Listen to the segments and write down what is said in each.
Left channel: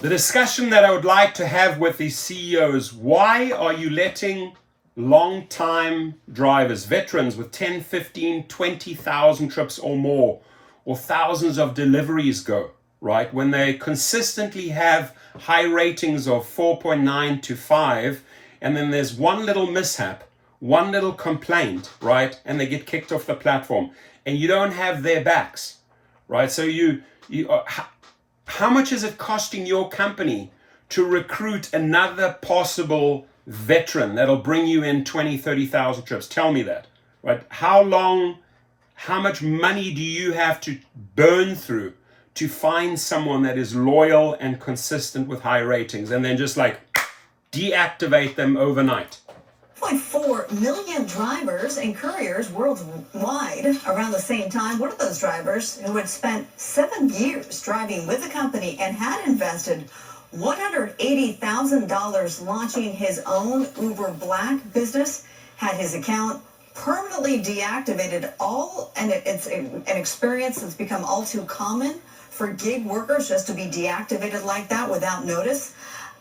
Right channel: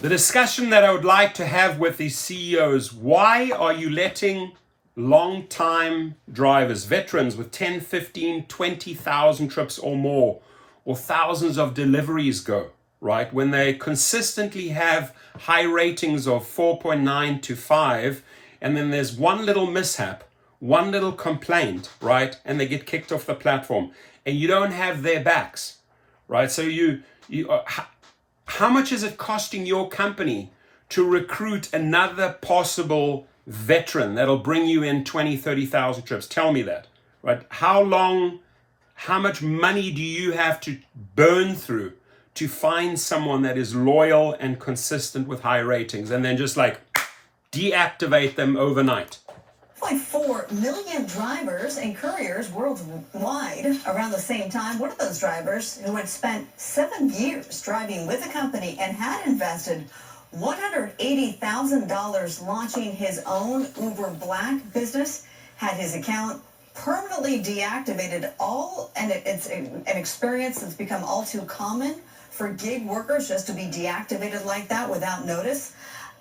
The discussion that I would like to have with these CEOs, why are you letting long-time drivers, veterans with 10, 15, 20,000 trips or more, or thousands of deliveries go, right? When they consistently have high ratings of 4.9 to 5, and then there's one little mishap, one little complaint, right? And they get kicked off the platform, and you don't have their backs, right? So how much is it costing your company to recruit another possible veteran that'll bring you in 20, 30,000 trips? Tell me that, right? How much money do you have to burn through to find someone that is loyal and consistent with high ratings, and then just like deactivate them overnight? 1.4 million drivers and couriers worldwide around the same time. One of those drivers who had spent 7 years driving with the company and had invested $180,000 launching his own Uber Black business had his account permanently deactivated, and it's an experience that's become all too common for gig workers just to be deactivated like that without notice.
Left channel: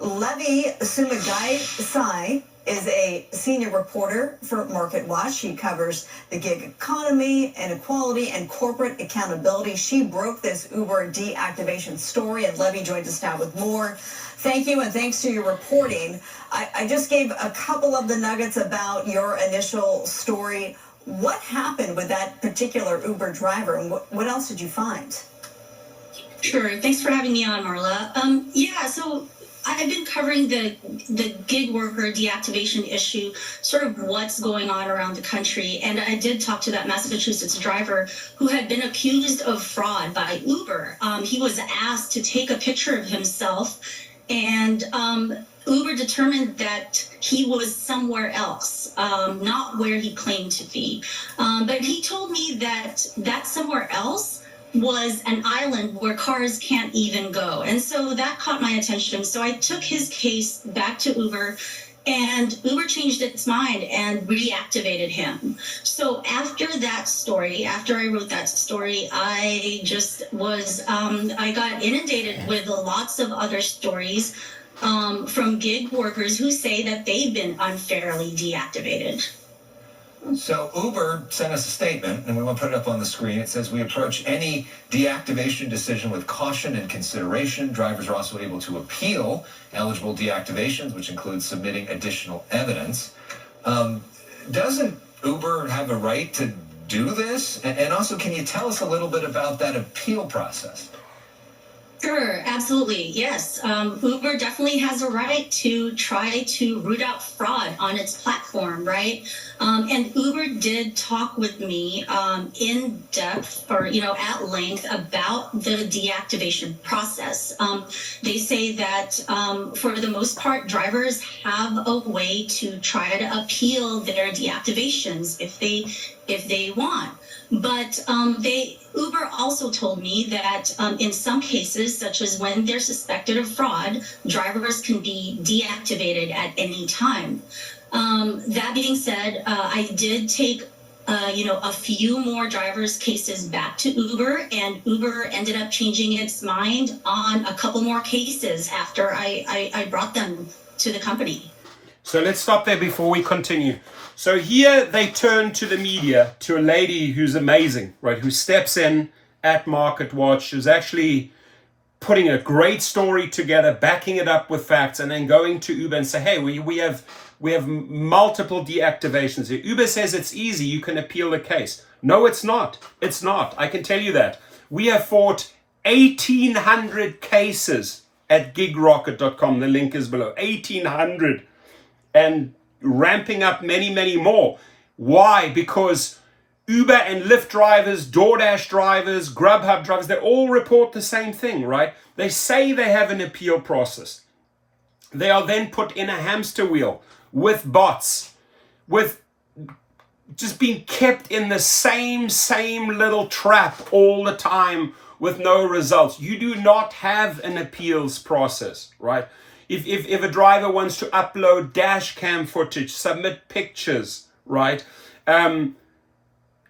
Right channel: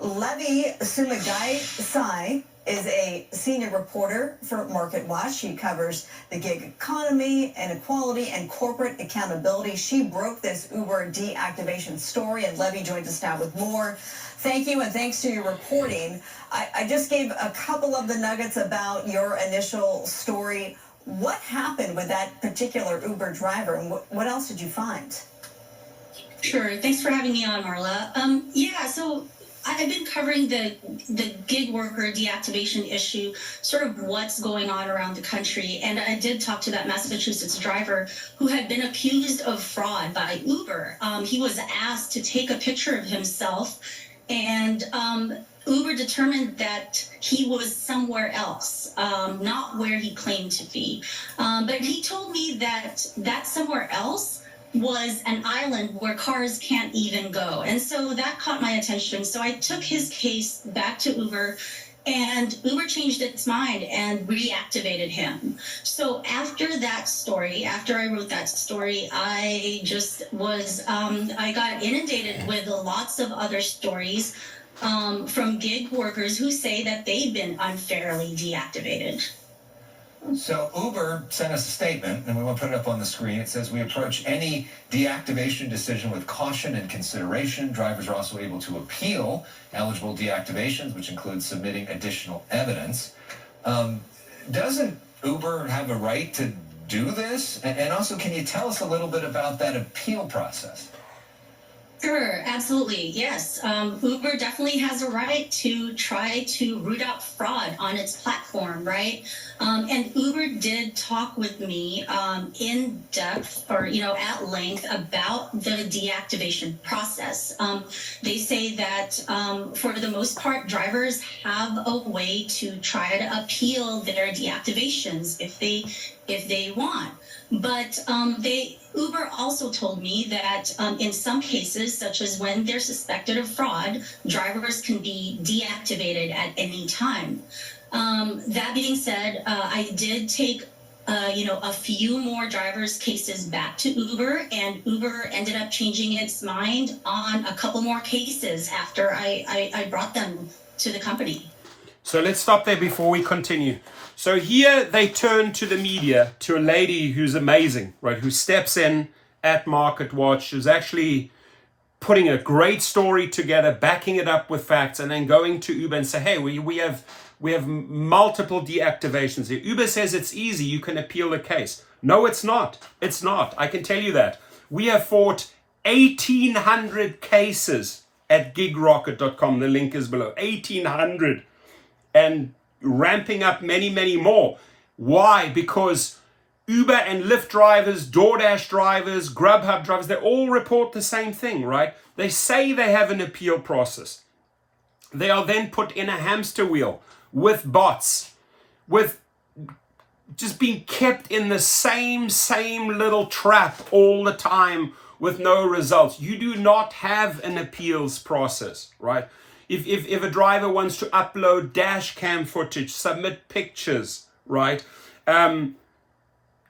Levi Sumagai is a senior reporter for MarketWatch. She covers the gig economy, inequality, and corporate accountability. She broke this Uber deactivation story, and Levi joins us now with more. Thank you, and thanks to your reporting. I just gave a couple of the nuggets about your initial story. What happened with that particular Uber driver, and what else did you find? Sure. Thanks for having me on, Marla. So I've been covering the gig worker deactivation issue, sort of what's going on around the country. And I did talk to that Massachusetts driver who had been accused of fraud by Uber. He was asked to take a picture of himself, and Uber determined that he was somewhere else, not where he claimed to be. But he told me that somewhere else was an island where cars can't even go. And so that caught my attention. So I took his case back to Uber, and Uber changed its mind and reactivated him. So after I wrote that story, I just was, I got inundated with lots of other stories from gig workers who say that they've been unfairly deactivated. So Uber sent us a statement, and we want to put it up on the screen. It says, we approach any deactivation decision with caution and consideration. Drivers are also able to appeal eligible deactivations, which includes submitting additional evidence. Doesn't Uber have a right to do this? And also, can you tell us a little bit about that appeal process? Sure, absolutely. Yes. Uber definitely has a right to try to root out fraud on its platform, right? And Uber did talk with me in depth or, at length about the deactivation process. They say that for the most part, drivers have a way to try to appeal their deactivations if they want. But Uber also told me that in some cases, such as when they're suspected of fraud, drivers can be deactivated at any time. That being said, I did take a few more drivers' cases back to Uber, and Uber ended up changing its mind on a couple more cases after I brought them to the company. So let's stop there before we continue. So here they turn to the media, to a lady who's amazing, right? Who steps in at MarketWatch, is actually putting a great story together, backing it up with facts, and then going to Uber and say, hey, we have multiple deactivations here. Uber says it's easy, you can appeal the case. No, it's not. It's not. I can tell you that. We have fought 1,800 cases at gigrocket.com. The link is below. 1,800. And ramping up many, many more. Why? Because Uber and Lyft drivers, DoorDash drivers, Grubhub drivers, they all report the same thing, right? They say they have an appeal process. They are then put in a hamster wheel with bots, with just being kept in the same little trap all the time with no results. You do not have an appeals process, right? If a driver wants to upload dash cam footage, submit pictures, right?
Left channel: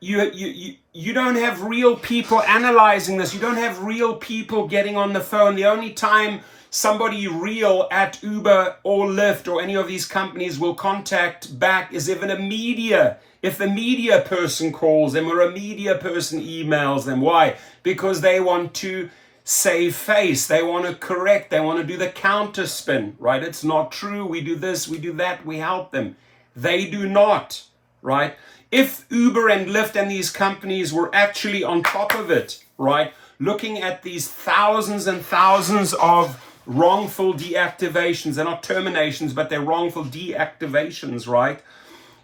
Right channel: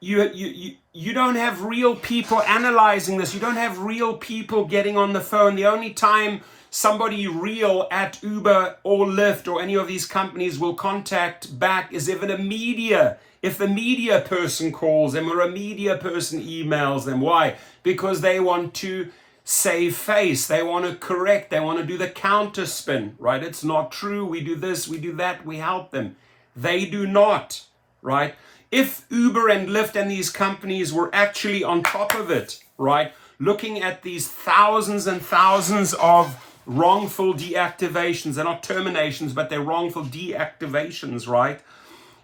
You don't have real people analyzing this. You don't have real people getting on the phone. The only time somebody real at Uber or Lyft or any of these companies will contact back is if the media person calls them or a media person emails them. Why? Because they want to save face. They want to correct. They want to do the counter spin, right? It's not true. We do this, we do that, we help them. They do not, right? If Uber and Lyft and these companies were actually on top of it, right, looking at these thousands and thousands of wrongful deactivations, they're not terminations, but they're wrongful deactivations, right,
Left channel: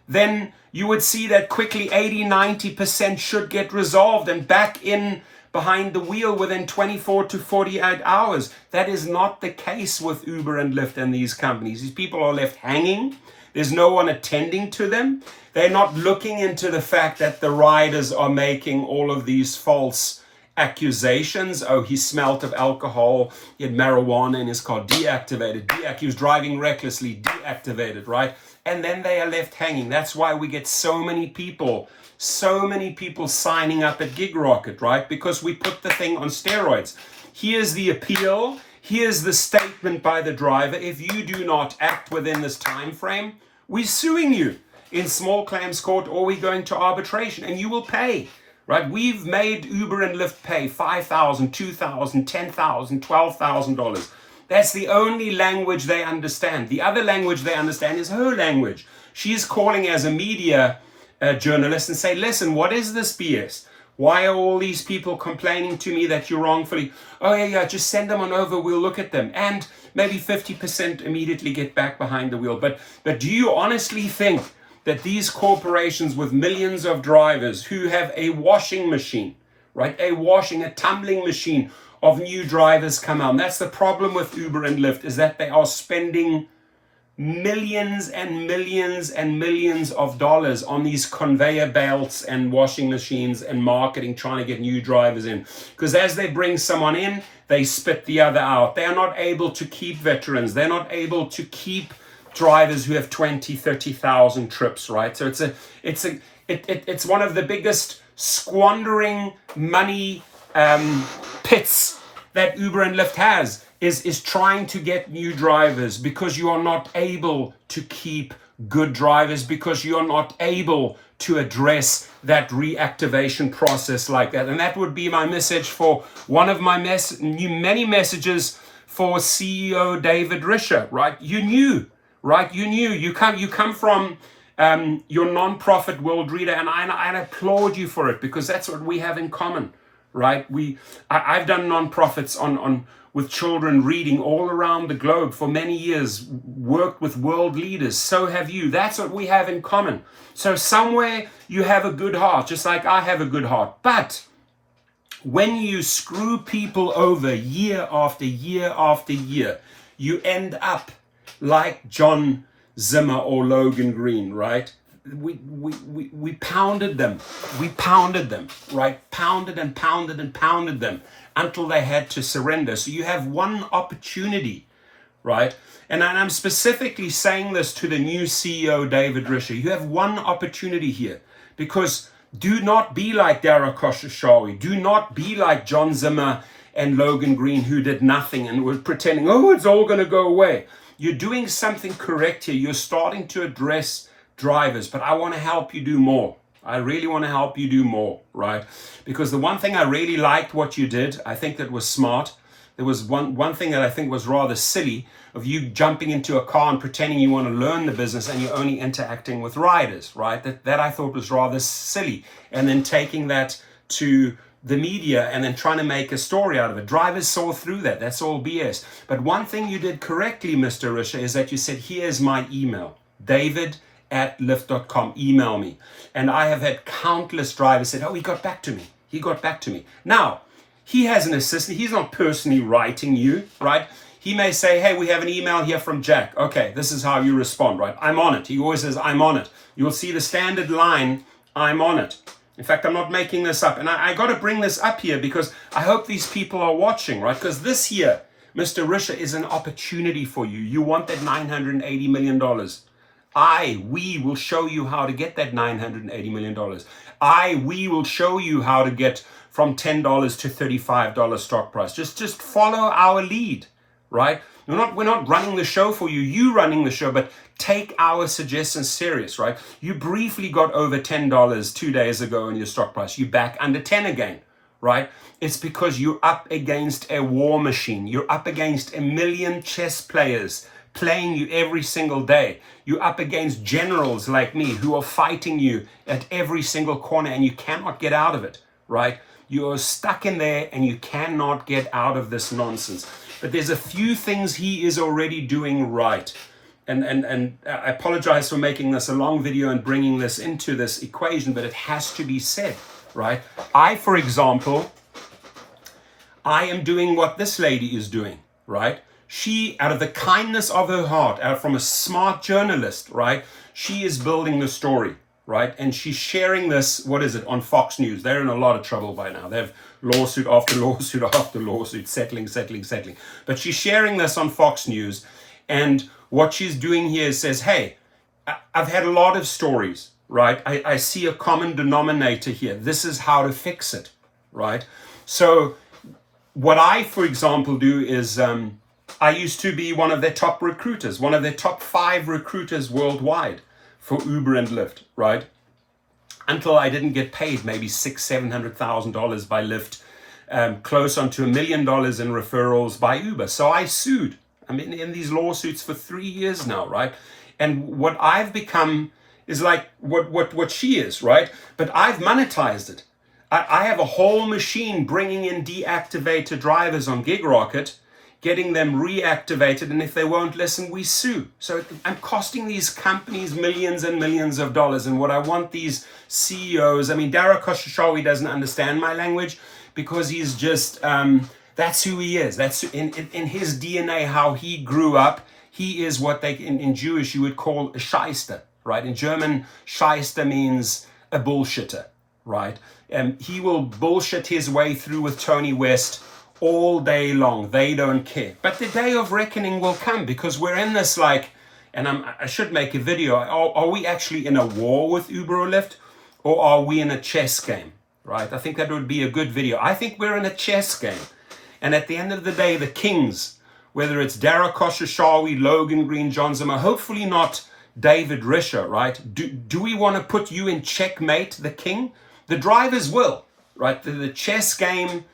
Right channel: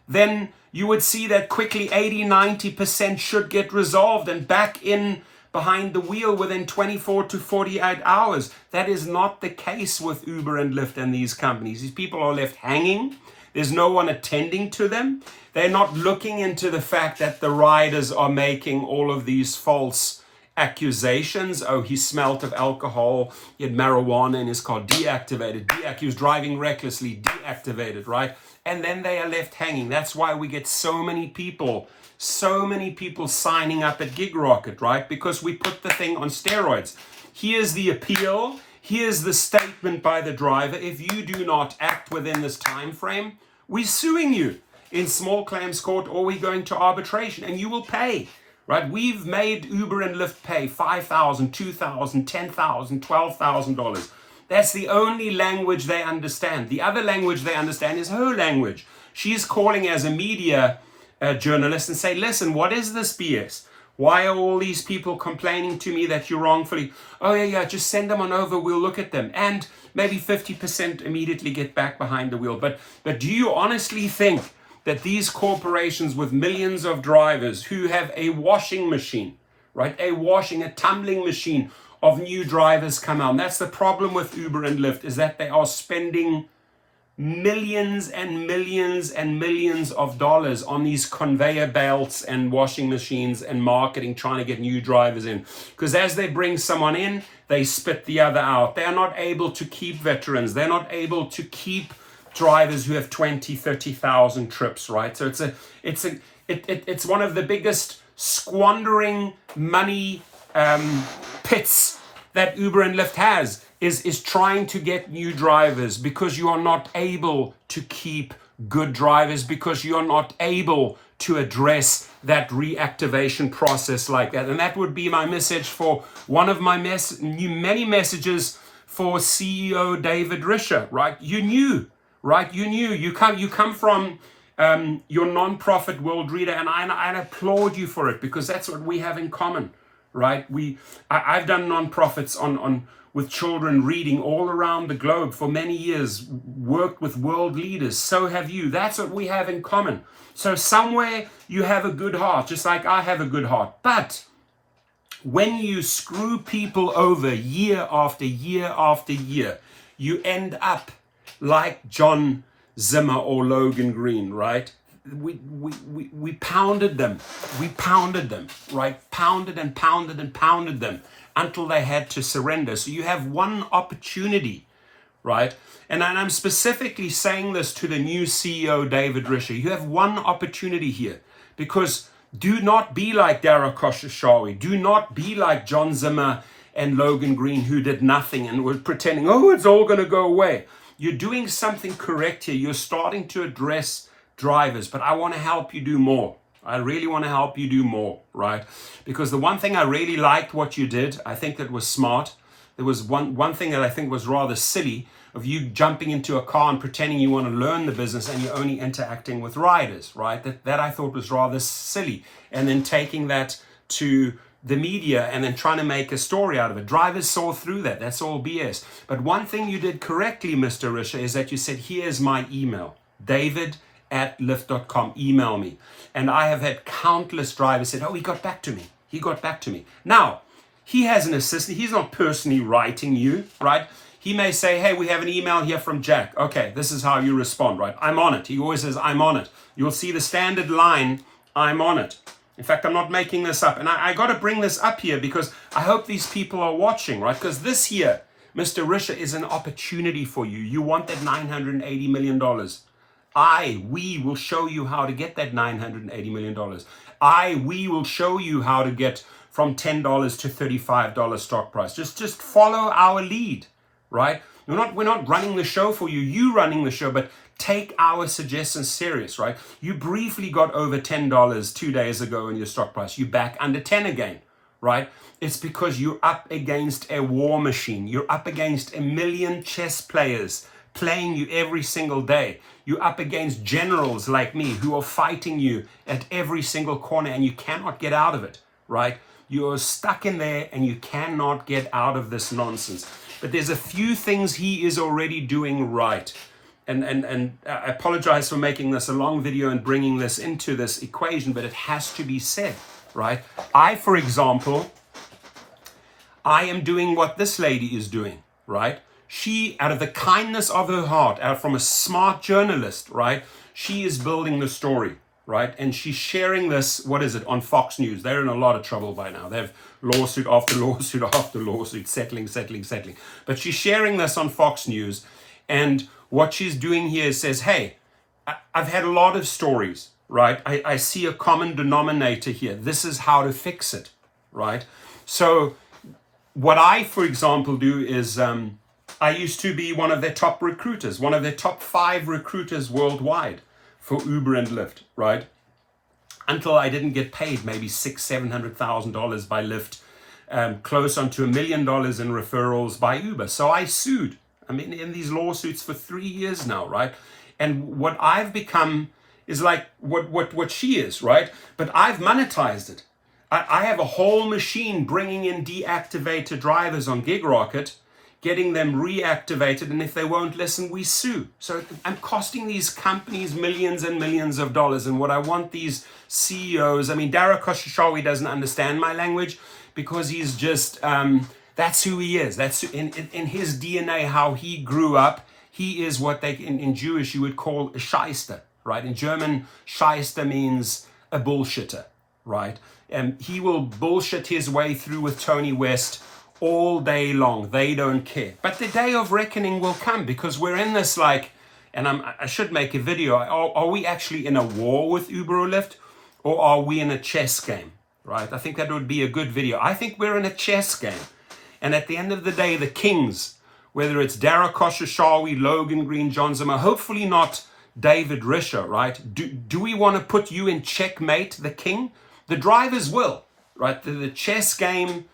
then you would see that quickly 80-90% should get resolved and back in behind the wheel within 24 to 48 hours. That is not the case with Uber and Lyft and these companies. These people are left hanging. There's no one attending to them. They're not looking into the fact that the riders are making all of these false accusations. Oh, he smelt of alcohol, he had marijuana in his car, deactivated. He was driving recklessly, deactivated, right? And then they are left hanging. That's why we get so many people signing up at GigRocket, right? Because we put the thing on steroids. Here's the appeal. Here's the statement by the driver. If you do not act within this time frame, we're suing you in small claims court or we're going to arbitration and you will pay, right? We've made Uber and Lyft pay $5,000, $2,000, $10,000, $12,000. That's the only language they understand. The other language they understand is her language. She's calling as a media journalist and say, listen, what is this BS? Why are all these people complaining to me that you're wrongfully? Oh, yeah, just send them on over. We'll look at them. And maybe 50% immediately get back behind the wheel. But do you honestly think that these corporations with millions of drivers who have a washing machine, right? A tumbling machine of new drivers come out. And that's the problem with Uber and Lyft, is that they are spending millions and millions and millions of dollars on these conveyor belts and washing machines and marketing, trying to get new drivers in. Because as they bring someone in, they spit the other out. They are not able to keep veterans. They're not able to keep drivers who have 20, 30,000 trips, right? So it's one of the biggest squandering money pits that Uber and Lyft has, is trying to get new drivers because you are not able to keep good drivers, because you are not able to address that reactivation process like that. And that would be my message for one of my many messages for CEO David Risha, right? You knew, right? You come from your nonprofit world reader, and I applaud you for it, because that's what we have in common, right? I've done nonprofits on with children reading all around the globe for many years, worked with world leaders. So have you. That's what we have in common. So somewhere you have a good heart, just like I have a good heart. But when you screw people over year after year after year, you end up like John Zimmer or Logan Green, right? We pounded them. We pounded them, right? Pounded and pounded and pounded them until they had to surrender. So you have one opportunity, right? And I'm specifically saying this to the new CEO, David Risha. You have one opportunity here, because do not be like Dara Khosrowshahi. Do not be like John Zimmer and Logan Green, who did nothing and were pretending, oh, it's all going to go away. You're doing something correct here. You're starting to address drivers, but I want to help you do more. I really want to help you do more, right? Because the one thing I really liked what you did, I think that was smart. There was one thing that I think was rather silly, of you jumping into a car and pretending you want to learn the business and you're only interacting with riders, right? That I thought was rather silly. And then taking that to the media and then trying to make a story out of it. Drivers saw through that. That's all BS. But one thing you did correctly, Mr. Risha, is that you said, here's my email, david@lyft.com, email me. And I have had countless drivers said, oh, he got back to me. He got back to me. Now, he has an assistant. He's not personally writing you, right? He may say, hey, we have an email here from Jack. Okay, this is how you respond, right? I'm on it. He always says, I'm on it. You'll see the standard line, I'm on it. In fact, I'm not making this up. And I got to bring this up here because I hope these people are watching, right? Because this here, Mr. Risha, is an opportunity for you. You want that $980 million. We will show you how to get that $980 million. We will show you how to get from $10 to $35 stock price. Just follow our lead, right? We're not running the show for you. You running the show, but take our suggestions serious, right? You briefly got over $10 2 days ago in your stock price. You back under 10 again, right? It's because you're up against a war machine. You're up against a million chess players playing you every single day. You're up against generals like me who are fighting you at every single corner, and you cannot get out of it, right? You're stuck in there and you cannot get out of this nonsense. But there's a few things he is already doing right. And I apologize for making this a long video and bringing this into this equation, but it has to be said, right? For example, I am doing what this lady is doing, right? She, out of the kindness of her heart, out from a smart journalist, right? She is building the story, right? And she's sharing this, on Fox News. They're in a lot of trouble by now. They have lawsuit after lawsuit after lawsuit, settling. But she's sharing this on Fox News. And what she's doing here is says, hey, I've had a lot of stories, right? I see a common denominator here. This is how to fix it, right? So what I, for example, do is I used to be one of their top recruiters, one of their top 5 recruiters worldwide for Uber and Lyft, right? Until I didn't get paid maybe $600,000-$700,000 by Lyft, close on to $1 million in referrals by Uber. So I sued. I'm in these lawsuits for 3 years now, right? And what I've become is like what she is, right? But I've monetized it. I have a whole machine bringing in deactivated drivers on GigRocket, getting them reactivated, and if they won't listen, we sue. So I'm costing these companies millions and millions of dollars. And what I want these CEOs, Dara Khosrowshahi doesn't understand my language because he's just, that's who he is. That's in his DNA, how he grew up. He is what they, in Jewish, you would call a shyster, right? In German, shyster means a bullshitter, right? He will bullshit his way through with Tony West all day long. They don't care. But the day of reckoning will come because we're in this and I should make a video. Are we actually in a war with Uber or Lyft, or are we in a chess game, right? I think that would be a good video. I think we're in a chess game. And at the end of the day, the kings, whether it's Dara Khosrowshahi, Logan Green, John Zimmer, hopefully not David Risha, right? Do we want to put you in checkmate, the king? The drivers will, right? The chess game,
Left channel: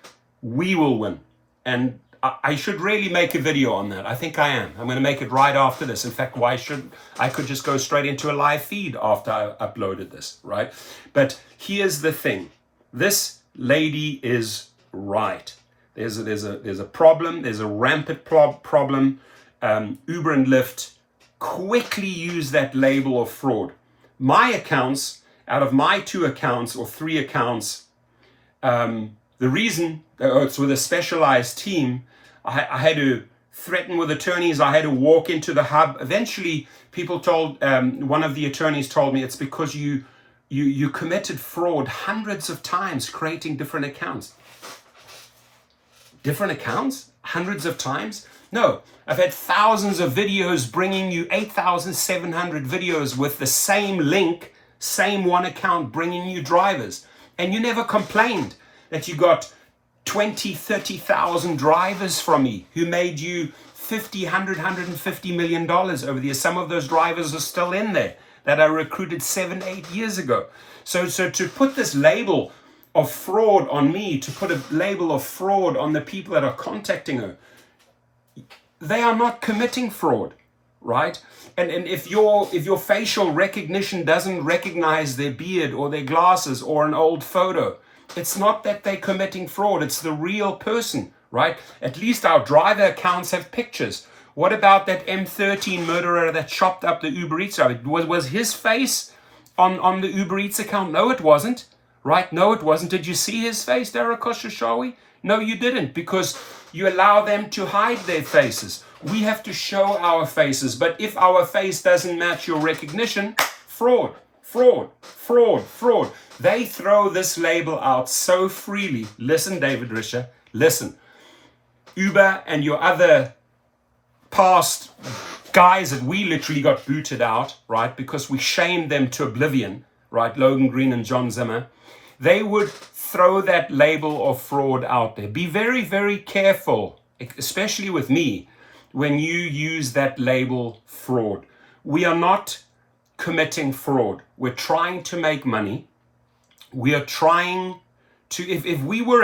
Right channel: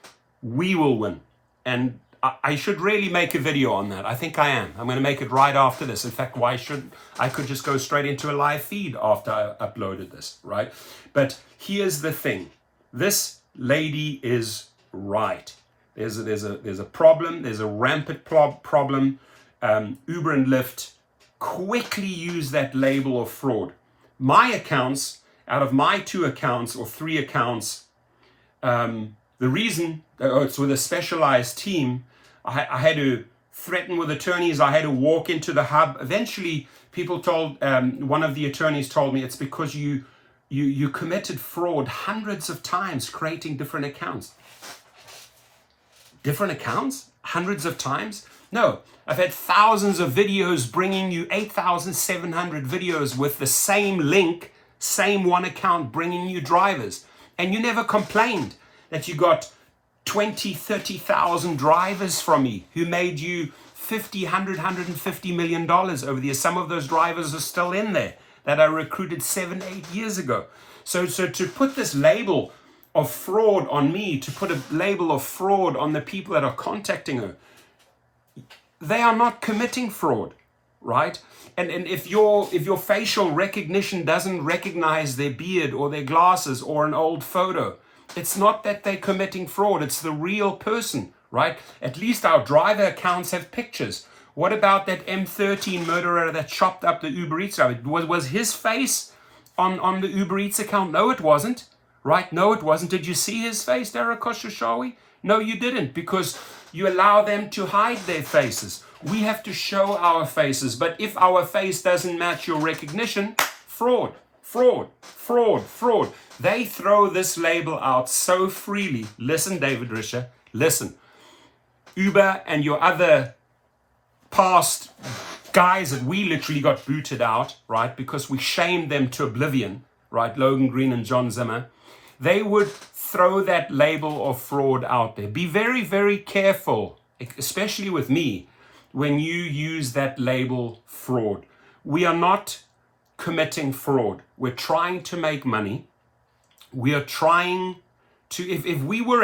we will win. And I should really make a video on that. I think I am. I'm going to make it right after this. In fact, why should I could just go straight into a live feed after I uploaded this, right? But here's the thing. This lady is right. There's a problem. There's a rampant problem. Uber and Lyft quickly use that label of fraud. My accounts, out of my 2 accounts or 3 accounts, the reason, it's with a specialized team, I had to threaten with attorneys. I had to walk into the hub. Eventually, people told, one of the attorneys told me it's because you committed fraud hundreds of times creating different accounts. Different accounts? Hundreds of times? No, I've had thousands of videos bringing you 8,700 videos with the same link, same one account bringing you drivers. And you never complained that you got 20, 30,000 drivers from me who made you $50, $100, $150 million over the years. Some of those drivers are still in there that I recruited 7, 8 years ago. So to put this label of fraud on me, to put a label of fraud on the people that are contacting her, they are not committing fraud, right? And if your facial recognition doesn't recognize their beard or their glasses or an old photo, it's not that they're committing fraud. It's the real person, right? At least our driver accounts have pictures. What about that M13 murderer that chopped up the Uber Eats driver? Was his face on the Uber Eats account? No, it wasn't. Right? No, it wasn't. Did you see his face, Dara Khosrowshahi? No, you didn't, because you allow them to hide their faces. We have to show our faces. But if our face doesn't match your recognition, fraud, fraud, fraud, fraud. They throw this label out so freely. Listen, David Risha, listen. Uber and your other past guys that we literally got booted out, right, because we shamed them to oblivion, right, Logan Green and John Zimmer, they would throw that label of fraud out there. Be very, very careful, especially with me, when you use that label fraud. We are not committing fraud. We're trying to make money. We are trying to, if we were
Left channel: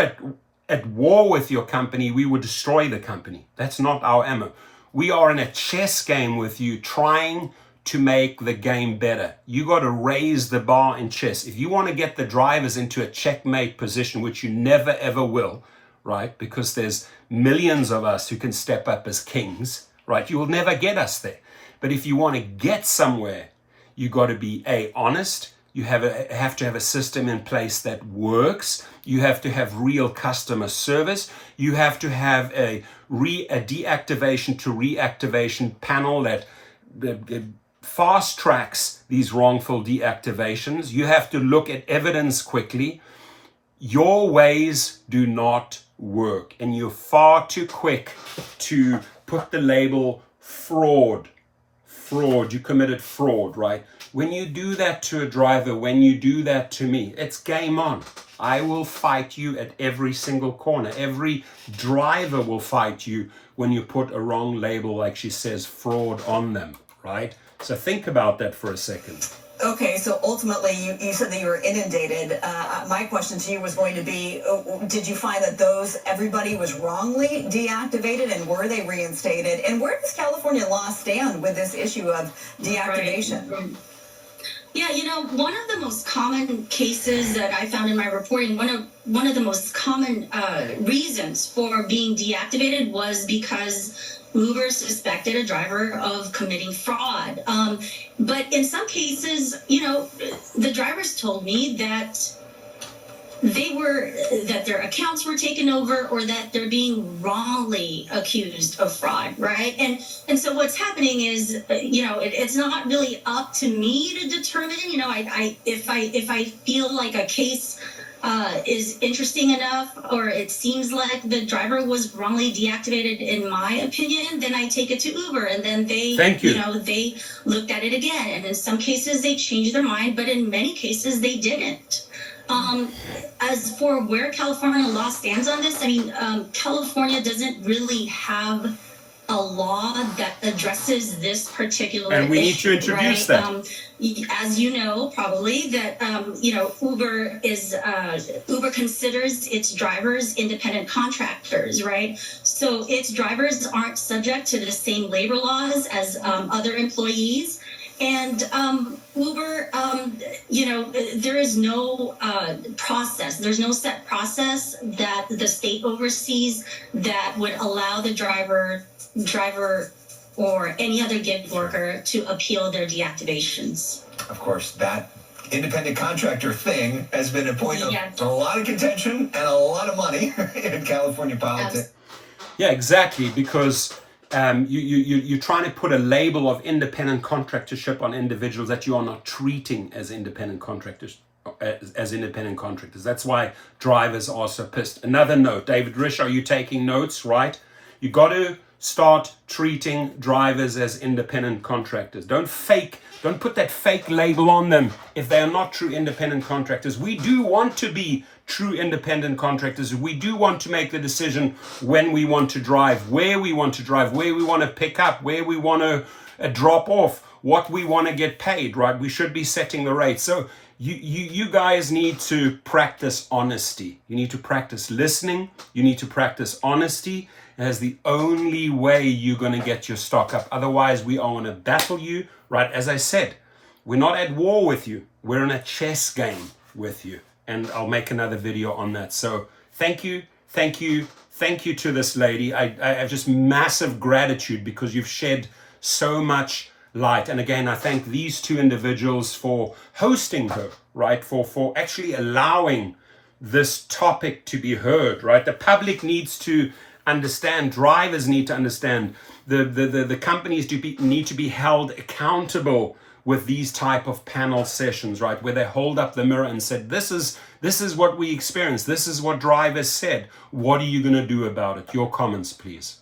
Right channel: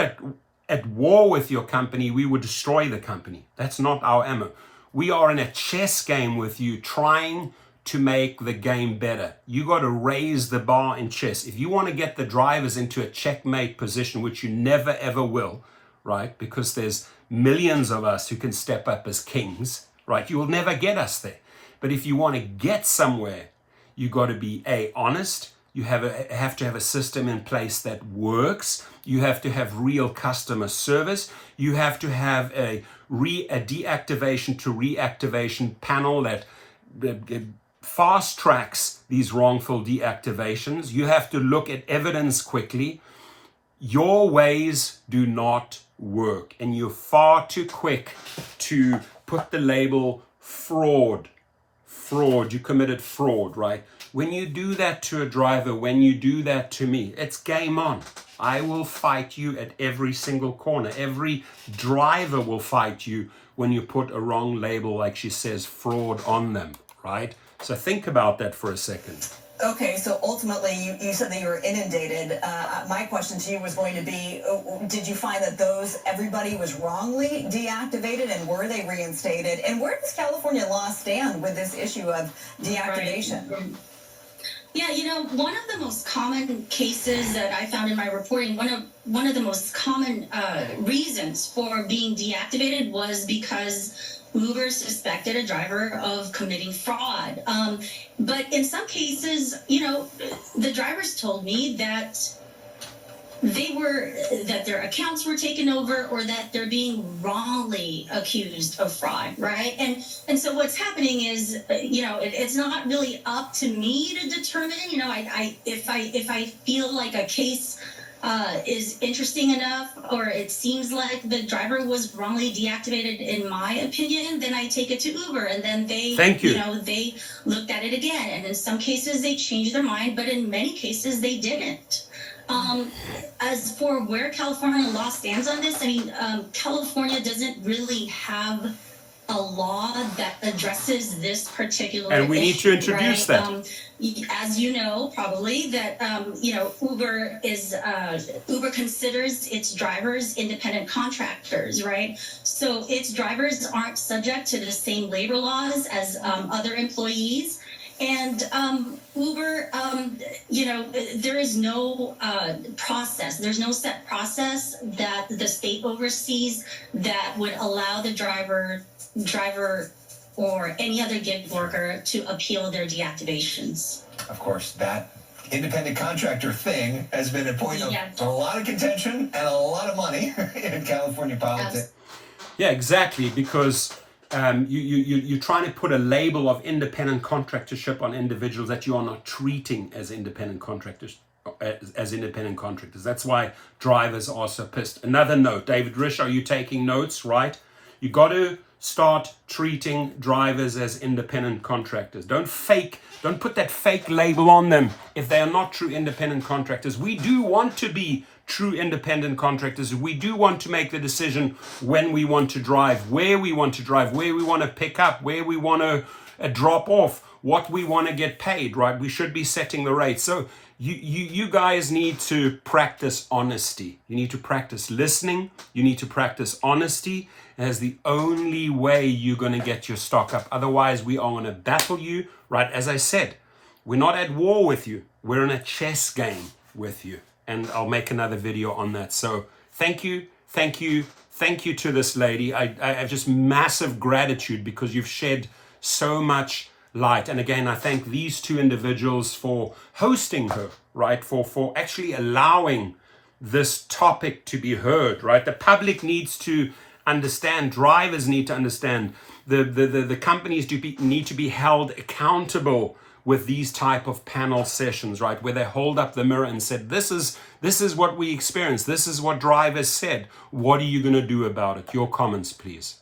at war with your company, we would destroy the company. That's not our ammo. We are in a chess game with you, trying to make the game better. You got to raise the bar in chess. If you want to get the drivers into a checkmate position, which you never ever will, right? Because there's millions of us who can step up as kings, right? You will never get us there. But if you want to get somewhere, you got to be honest. You have to have a system in place that works. You have to have real customer service. You have to have a deactivation to reactivation panel that fast tracks these wrongful deactivations. You have to look at evidence quickly. Your ways do not work, and you're far too quick to put the label fraud. You committed fraud, right? When you do that to a driver, when you do that to me, it's game on. I will fight you at every single corner. Every driver will fight you when you put a wrong label, like she says, fraud on them, right? So think about that for a second. Okay, so ultimately you said that you were inundated. My question to you was going to be, did you find that everybody was wrongly deactivated, and were they reinstated? And where does California law stand with this issue of deactivation? Right. Yeah, one of the most common cases that I found in my reporting, one of the most common reasons for being deactivated was because Uber suspected a driver of committing fraud. But in some cases, the drivers told me that that their accounts were taken over, or that they're being wrongly accused of fraud, right? And so what's happening is, it's not really up to me to determine. If I feel like a case is interesting enough, or it seems like the driver was wrongly deactivated, in my opinion, then I take it to Uber, and then they, they looked at it again. And in some cases they changed their mind, but in many cases they didn't. As for where California law stands on this, California doesn't really have a law that addresses this particular issue. And we need to introduce that. As you know, probably, that, Uber considers its drivers independent contractors, right? So its drivers aren't subject to the same labor laws as other employees. And Uber, there is no process. There's no set process that the state oversees that would allow the driver or any other gig worker to appeal their deactivations. Of course, that independent contractor thing has been a point of a lot of contention and a lot of money in California politics. Yeah, exactly, because you're trying to put a label of independent contractorship on individuals that you are not treating as independent contractors. That's why drivers are so pissed. Another note, David Risha, are you taking notes, right? You got to start treating drivers as independent contractors. Don't put that fake label on them if they are not true independent contractors. We do want to be true independent contractors. We do want to make the decision when we want to drive, where we want to drive, where we want to pick up, where we want to drop off, what we want to get paid, right? We should be setting the rate. So you guys need to practice honesty. You need to practice listening. You need to practice honesty. As the only way you're going to get your stock up. Otherwise, we are going to battle you, right? As I said, we're not at war with you. We're in a chess game with you. And I'll make another video on that. So thank you to this lady. I have just massive gratitude because you've shed so much light. And again, I thank these two individuals for hosting her, right? For actually allowing this topic to be heard, right? The public needs to understand, drivers need to understand, the companies need to be held accountable with these type of panel sessions, right? Where they hold up the mirror and said, this is what we experienced. This is what drivers said. What are you going to do about it? Your comments, please.